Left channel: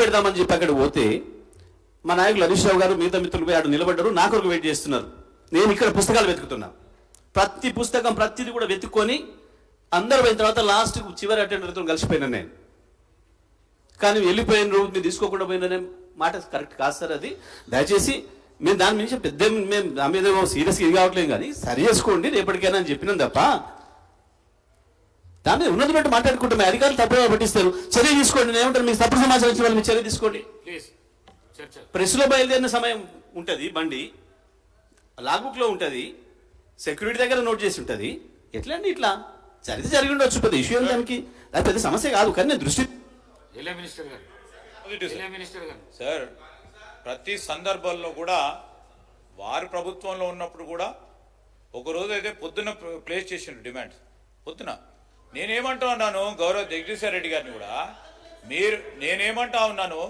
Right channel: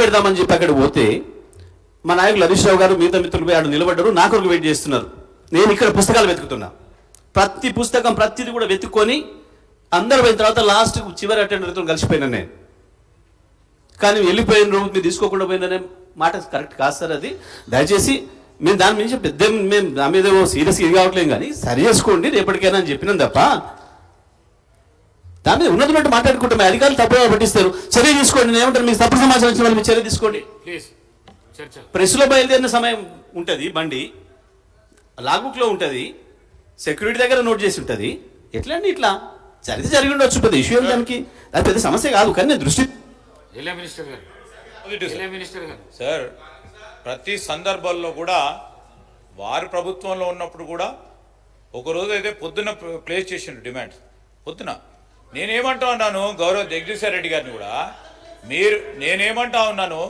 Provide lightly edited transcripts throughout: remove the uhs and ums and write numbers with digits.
పెడదామని చెప్పి అక్కడ పోతే మా నాయకులు హరీష్ రావు గారు మిగతా మిత్రులు పోయి ఆడు నిలబడ్డారు, నా కొరకు వెయిట్ చేస్తున్నారు. నేను ఇక్కడ పుస్తకాలు వెతుకుతున్నా, ప్రతి పుస్తకం ప్రతిది కూడా వెతుక్కొని అందరూ పోయిన తర్వాత లాస్ట్ చివరి అటెండర్తో కలిసిపోయినా నేను. కానీ వెళ్ళిపోయిన రోజు మీరు తీసుకోకుండా పోయిననే మాట కరెక్ట్ కాదు సార్. అది దయచేసి మేము దాని నుంచి పెద్ద మేము దాని మీద సీరియస్గా ఇది కావట్లేదు, కానీ సరి చేసుకోండి రేపటికైనా అని చెప్పినాం తప్ప దాని మీద ఉన్నట్టు మాట్లాడుకుంటాం. అధికారులు తప్పుగా పట్టిస్తారు, చర్య తీసుకోండి. నేను ఏమంటారు, మీకు తప్పుడు సమాచారం వచ్చిన వాళ్ళు మీరు చర్య తీసుకోండి. ప్రెస్లో బయలుదేరిన సమయం ఉంటుంది, బండి లాగ్బుక్లో ఉంటుంది, సెక్యూరిటీ దగ్గర నోట్ చేసి ఉంటుంది. ఎట్లా అండి ఇట్లా జరిగి ఉండొచ్చు, పెద్ద ఇష్యూ దానికి అది పెద్ద సమస్య కాదు. కానీ నేను దృష్టి సార్ ప్రతి సందర్భాల్లో కూడా వారు ప్రభుత్వంలో ఉన్నప్పుడు కూడా ఒకరోజు అయితే పొద్దున ప్లేస్ చేసిండు డిమాండ్స్. పొద్దున నేనేమంటా ఉన్నాను గౌరవ్ జగదీశ్వర్ రెడ్డి గారిని కూడా, నేనేమంటా ఉన్నాను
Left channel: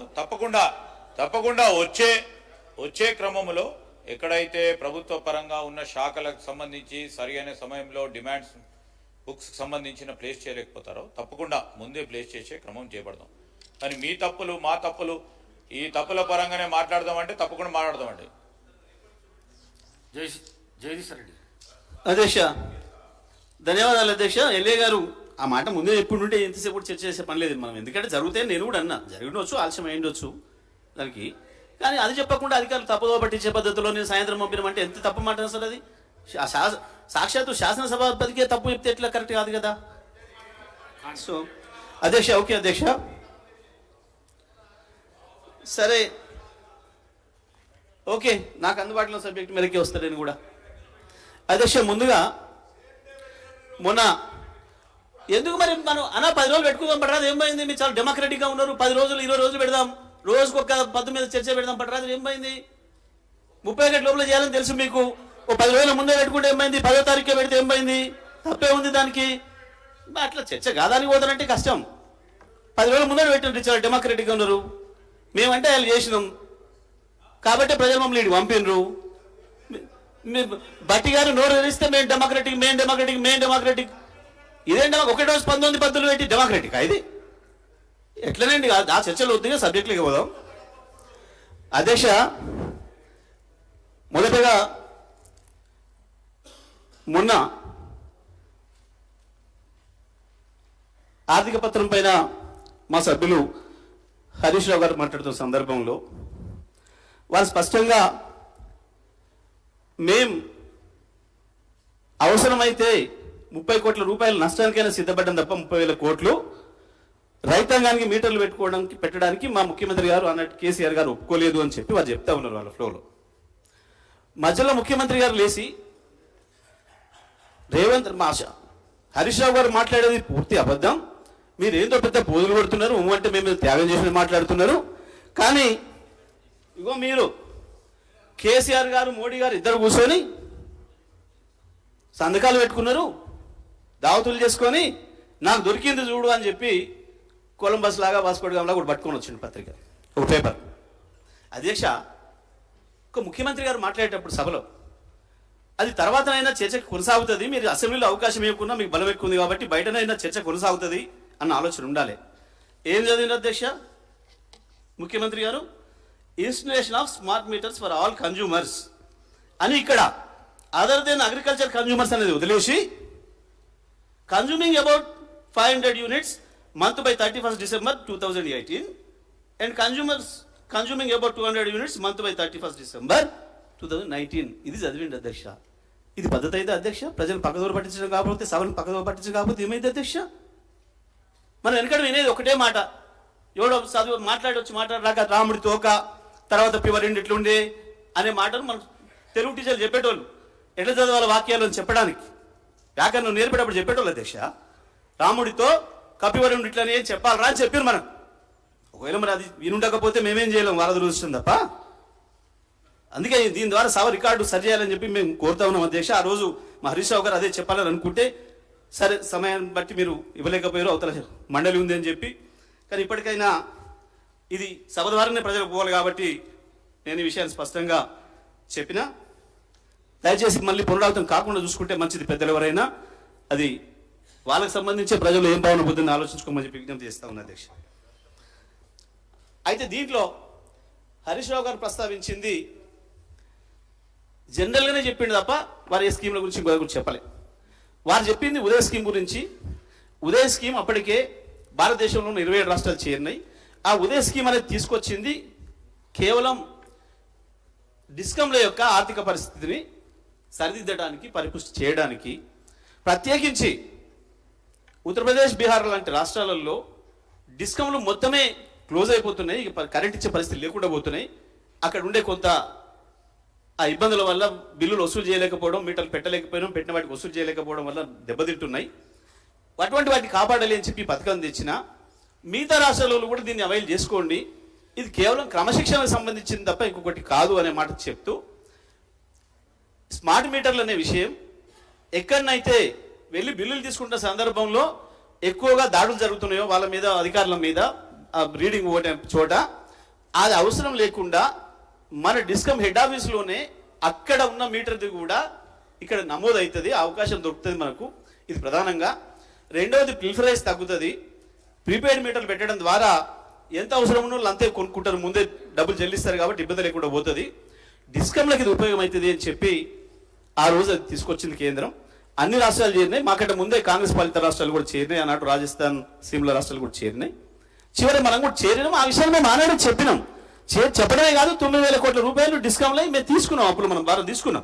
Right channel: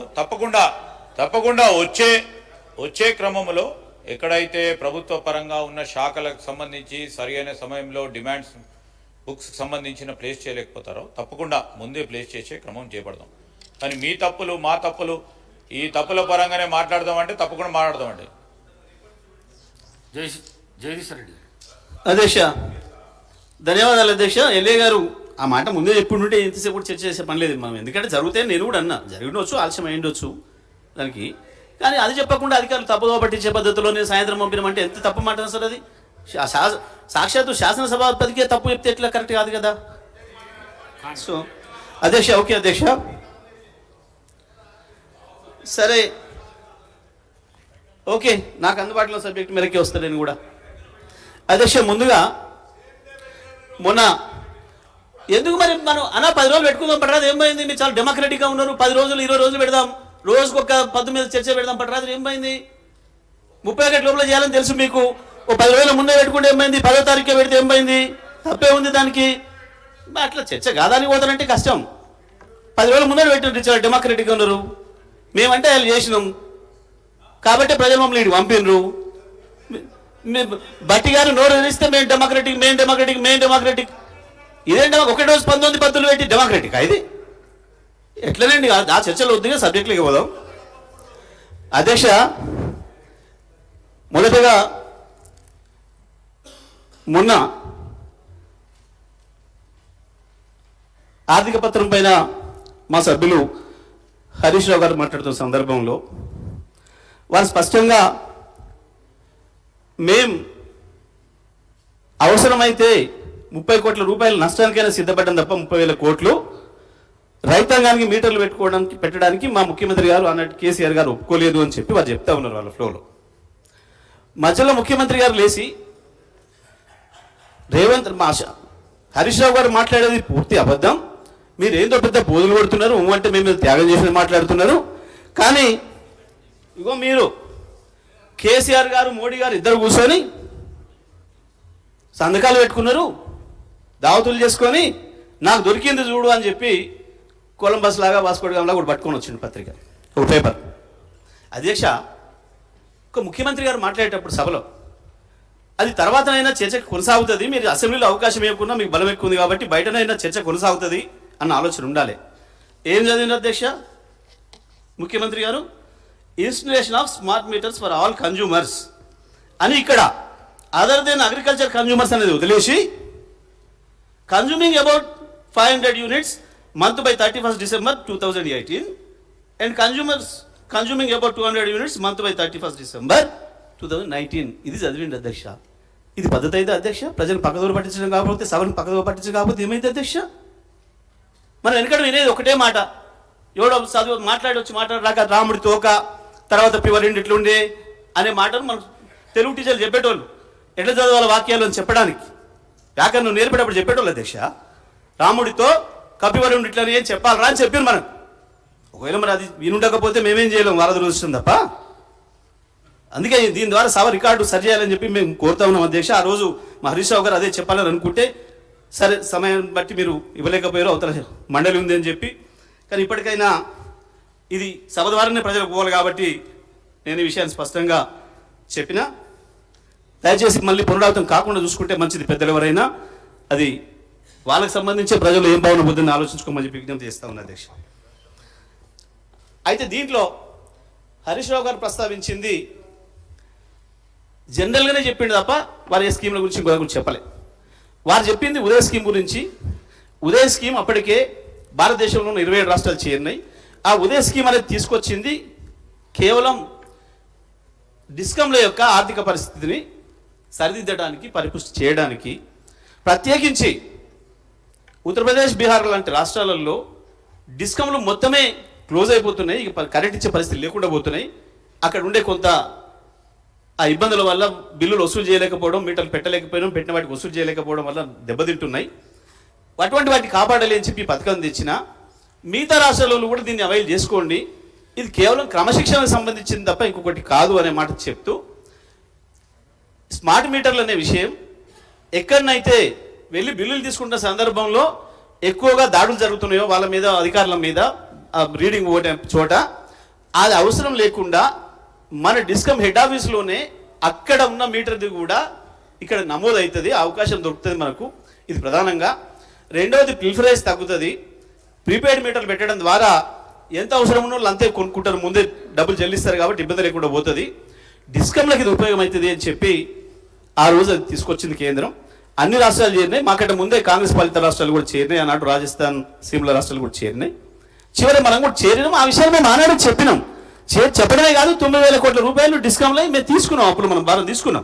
తప్పకుండా వచ్చే క్రమంలో ఎక్కడైతే ప్రభుత్వ పరంగా ఉన్న శాఖలకు సంబంధించి సరైన సమయంలో డిమాండ్స్ బుక్స్ సంబంధించిన ప్లేస్ చేయలేకపోతారో తప్పకుండా ముందే ప్లేస్ చేసే క్రమం చేపడదాం. కానీ మీ తప్పులు మా తప్పులు ఈ తప్పుల పరంగానే మాట్లాడదామంటే తప్పకుండా మాట్లాడదామండి. జగదీశ్వర్ రెడ్డి అధ్యక్ష, ధన్యవాదాలు అధ్యక్ష. ఎల్ఏ గారు ఆ మాట ముందే చెప్పుంటే ఎంతసేపు కూడా చర్చ చేసే పని లేదు మనం. ఎందుకంటే జరిగితే నేను కూడా అన్నా, జరిగినవచ్చు ఆలస్యం అయ్యిండొచ్చు దానికి. కానీ అది చెప్పకుండా అధికారులు తప్పుదో పట్టించే పద్ధతిలో నేను సాయంత్రం పంపినామంటే ఎంత తప్పు మాట సార్. అది సాక్షాత్తు శాసనసభాపతికే తప్పు చెప్తే ఎట్లా కరెక్ట్ కాదు కదా. సో అధ్యక్ష, ఓకే అధ్యక్ష, సరే ఓకే, నాకు అందుబాటులో సబ్జెక్ట్ మేరకే వస్తాను నేను కూడా. అధ్యక్ష, ముందుగా మొన్న ఎందుకు మరి మనం 10 రోజులు పెట్టుకుందాం పట్టరాదు, ఏమైంది? మీరు చాలా డెమోక్రటిక్గా ఉన్నారు, 10 రోజులు 20 రోజులు పెడదాం, రోజుకు ఒక పద్దు మీద చర్చ పెడదాం పట్టరాదు, ఏమైంది? 30 గంటల లోపల చేయాలని తెలుసు మీకు. ఓ 10 రోజుల ముందే పెట్టుకుంటే ఏమైంది? 10వ తారీఖే పెడితే ఏమైంది? తప్పే ఉంది దానికి. అట్లా చర్చ కాదానికి పోతానంటే కష్టం. 10 రోజుల ముందే పెట్టినట్టు చాలా డెమోక్రటిక్గా ఉన్నారు. మేమంటే వాళ్ళు చేసినాం కాబట్టి ప్రజలు మమ్మల్ని ఇటు పంపినరు. బట్టి గారు నోరు తెరిస్తే మేము డెమోక్రటిక్ ఇదేంటి? ఒకటే రోజు 19 పద్ధతులు పెట్టి డెమోక్రటిక్ ఇది ఎట్లనండి? ఆ చర్చలు వద్దుగా సబ్జెక్టులకి పోదాం. అధ్యక్ష, మొదటగా మొన్న ఆర్థిక పత్రం పైన మా సభ్యులు హరీష్ రావు గారు మాట్లాడుతున్న సందర్భంలో వారు స్పష్టంగా మేం అవసరమైతే 30 కోట్ల రూపాయల నష్టానికైనా సిద్ధపడ్డం తప్ప 30,000 కోట్లు రైతాంగానికి మీటర్లు పెట్టడానికి మా ముఖ్యమంత్రి గారు అన్నట్టు కేసీఆర్ గారు ఒప్పుకోలేదు అని చెప్పి వారు చెప్తా ఉన్నారు వాళ్ళ ఫ్లోలో. మధ్యలో ముఖ్యమంత్రి గారు లేచి హరీష్ రావు గారు మాట్లాడేది పూర్తి అబద్ధం, మీరు ఏందో పెద్ద పోజులు కొడుతున్నారు, అంటే మేము త్యాగం చేసి మాట్లాడుతున్నారు. కానీ ఇగో మీరు కేసీఆర్ గారు మోడీ గారు ఇద్దరు కూర్చొని సంతకాలు పెట్టుకున్నారు, దావతులు చేసుకొని నాకు దొరికింది చూడు అని చెప్పి కొలంబస్ లాగా వాస్కోడిగాంలా కూడా పట్టుకొని వచ్చింది పత్రిక, ఒక పేపర్. అధ్యక్ష, ఒక ముఖ్యమంత్రి గారు మాట్లాడేటప్పుడు సభలో అది తర్వాతనైనా చర్చ కొనసాగుతుంది, మీరు అసెంబ్లీలో అవకాశం ఇవ్వకుండా మీకు బలం ఎక్కువ ఉంది కాబట్టి బయటనైనా చర్చ కొనసాగుతుంది అన్న ఆలోచన ఉండాలి. ఏం చదివిన అధ్యక్ష ముఖ్యమంత్రి గారు? Installation of smart meters for all consumers అని ఇక్కడ అదర్ దెన్ అగ్రికల్చర్ కన్జ్యూమర్స్ అనేది వదిలేసి consuming about 500 units month by 31st December 2018 and consuming about 200 units month by 31st December 2019. ఇది చదివిండి అధ్యక్ష. ఇది పద్ధతి అయితే అధ్యక్ష? ప్రజలు పక్కదోరు పట్టించడం కాకపోతే, సభను పక్కదోరు పట్టించడం కాకపోతే ఏమైంది అధ్యక్ష? మనం వెనకడ వినేది ఒకటే మాట, ఎవడో చదువు మాట్లాడరాక రాముడి తోక తర్వాత పివరిండి ఇట్లుండే అనే మాటలు మనకు తెలుగు టీచర్లు చెప్పేటోళ్ళు. ఎట్లా చదవాలి వాక్యాలు అని చెప్పడానికి వ్యాకరణం నేర్పేటప్పుడు చెప్పేటోళ్ళు అధ్యక్ష. రాముడితో కపివరుడు ఇట్లా ఏం చెప్పాలరా అని చెప్పారు మనం. ఒకవేళ మరి అది వినుండకపోతే మేమేం చేయలేము, వాళ్ళ దురదృష్టం తప్ప. అందుకే దీని ద్వారా సభ రికార్డు సరి చేయాలని చెప్పి మేము కోరుతా ఉన్నాం అధ్యక్ష. ఆ రోజు మా హరీష్ రావు గారు అదే చెప్పాలని అనుకుంటే, సరే సమయాన్ని బట్టి మీరు ఇవ్వలేకపోయారు, అవతల మండలి ఉంది అని చెప్పి. కానీ ఇప్పటికైనా ఇది సభ ద్వారానే ప్రజలకు పోవాలి కాబట్టి నేను ఈ విషయాన్ని స్పష్టంగా చెప్పిన. దయచేసి మళ్ళీ పునరావృతం కాకుండా చూసుకుంటే మంచిది. పెద్దలు ఎవరైనా అది వాళ్ళకి సంబంధించి ప్రజలు ఏం భావన బుద్ధిని ఆలోచించుకోమని చెప్పి విజ్ఞప్తి చేస్తా ఉన్నా అధ్యక్ష. అయితే దీంట్లో హరీష్ రావు గారు ప్రస్తావించింది జనరల్గానే చెప్పిండు తప్ప వారు ఏ స్కీమ్ల గురించి ఇంకో గురించి చెప్పలే. వారు చెప్పింది ఉదయ స్కీమ్ గురించి. ఉదయ స్కీమ్ అప్పటికే భారతదేశంలో ఉన్న 27 రాష్ట్రాలు చేరినాయి. ఆ ఉదయ స్కీమ్ అనేది తీసుకొచ్చింది కేవలం డిస్కంల యొక్క ఆర్థిక పరిస్థితిని సరిదిద్దడానికి, పరిపుష్టి చేయడానికి. ప్రత్యేకించి ఉత్తరప్రదేశ్, బీహార్ లాంటి రాష్ట్రాలలో డిస్కంలు మొత్తమే క్లోజ్ అయిపోతున్నాయి, ఇక కరెంట్ ఇచ్చే పరిస్థితి లేకుండా పోతున్నాయి. అక్కడ ఉండే కొంత ఆ ఇబ్బందుల వల్ల బిల్లులు వసూలు చేయలేకపోవడం, మీటర్లు పెట్టలేకపోవడం, పెట్టిన వాటికి వసూలు చేయలేకపోవడం వల్ల దెబ్బతింటున్నాయి. అటువంటి వాటిని కాపాడాలి అని చెప్పి పథకం తెచ్చిన మిగతా రాష్ట్రాలలో కూడా దీన్ని అవైల్ చేసుకోండి, ఇది కేవలం క్రమశిక్షణకు సంబంధించింది తప్ప ఇంకొకటి కాదు అనే మాట చెప్తూ, స్మార్ట్ మీటర్లు అనే విషయం ఎక్కడనైతే వెళ్ళి బిల్లులు తీసుకుంటున్న సందర్భంలో ఎక్కువగా దాడులు జరుగుతున్నాయో వాళ్ళ మీద, అధికారుల మీద, రీడింగ్ చోట అది అవసరం లేకుండా మన డిస్కమ్ హెడ్ ఆఫీస్లోనే అక్కడ ఉన్న మీటర్ది కూడా ఇక్కడ నమోదు అవుతుంది, అవకాశం దొరుకుతుంది మనకు. ఇది ప్రధానంగా. రెండవది పిల్ఫరైజ్ తగ్గుతుంది. ప్రీపెయిడ్ మీటర్లు పెట్టడం ద్వారా ఎంత అవసరం ఉన్న వాళ్ళు అంతే కొనుక్కుంటారు, ముందే డబ్బులు చెల్లిస్తారు కాబట్టి ఇబ్బంది లేకుండా పోతుంది. డిస్కమ్లకు ఇది ఉపయోగం అవుతుంది అని చెప్పి ఆ రోజు అది తీసుకొచ్చింది కేంద్రం. అన్ని రాష్ట్రాలు చేరినాయి, మాకంటే ముందే కాంగ్రెస్ పాలిత రాష్ట్రాలు కూడా చేరినాయి, అన్నట్టు రాజస్థాన్, సిమ్లా రాష్ట్రాలు కూడా చేరినాయి. చివరి మనం కూడా చేరినాం. ఆ విషయాన్ని మేము ఆనాడు చెప్పినాం. చెప్పడమే కాదు, 9,000 కోట్ల రూపాయలు డిస్కౌంట్లో మేము తీసుకున్నాం, అప్పుడు మనం భారం తీసుకున్నాం.